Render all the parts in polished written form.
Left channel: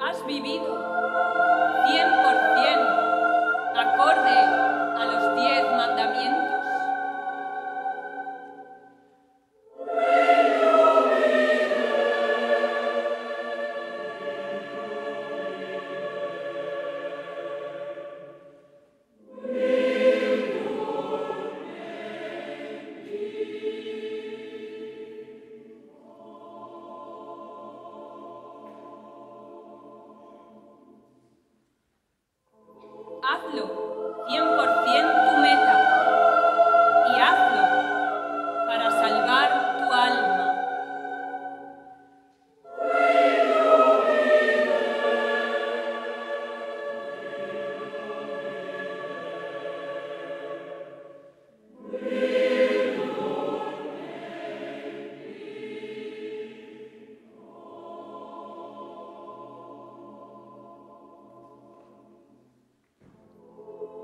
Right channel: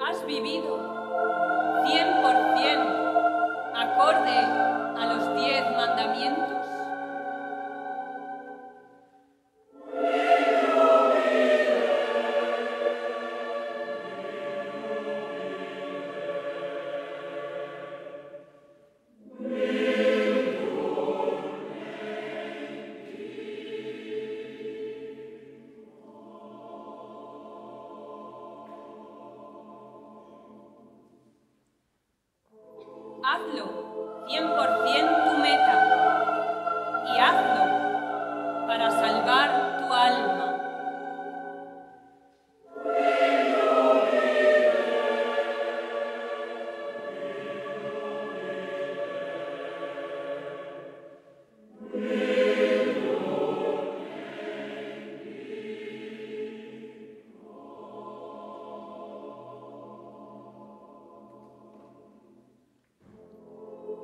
Has vivido 100% acorde a los 10 mandamientos. Hazlo 100% tu meta y hazlo para salvar tu alma.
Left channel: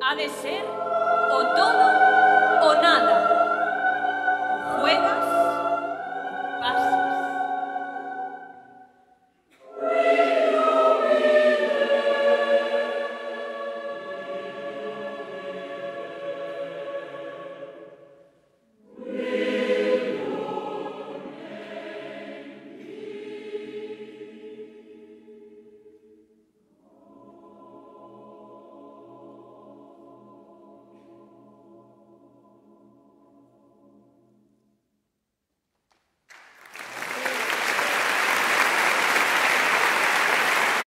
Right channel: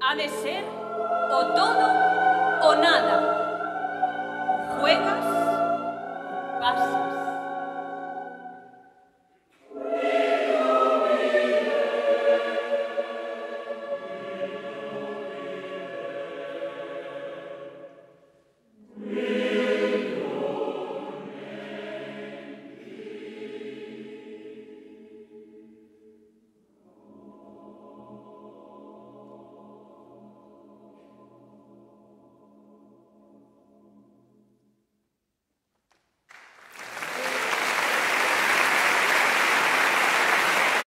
Ha de ser o todo o nada. O juegas o pasas.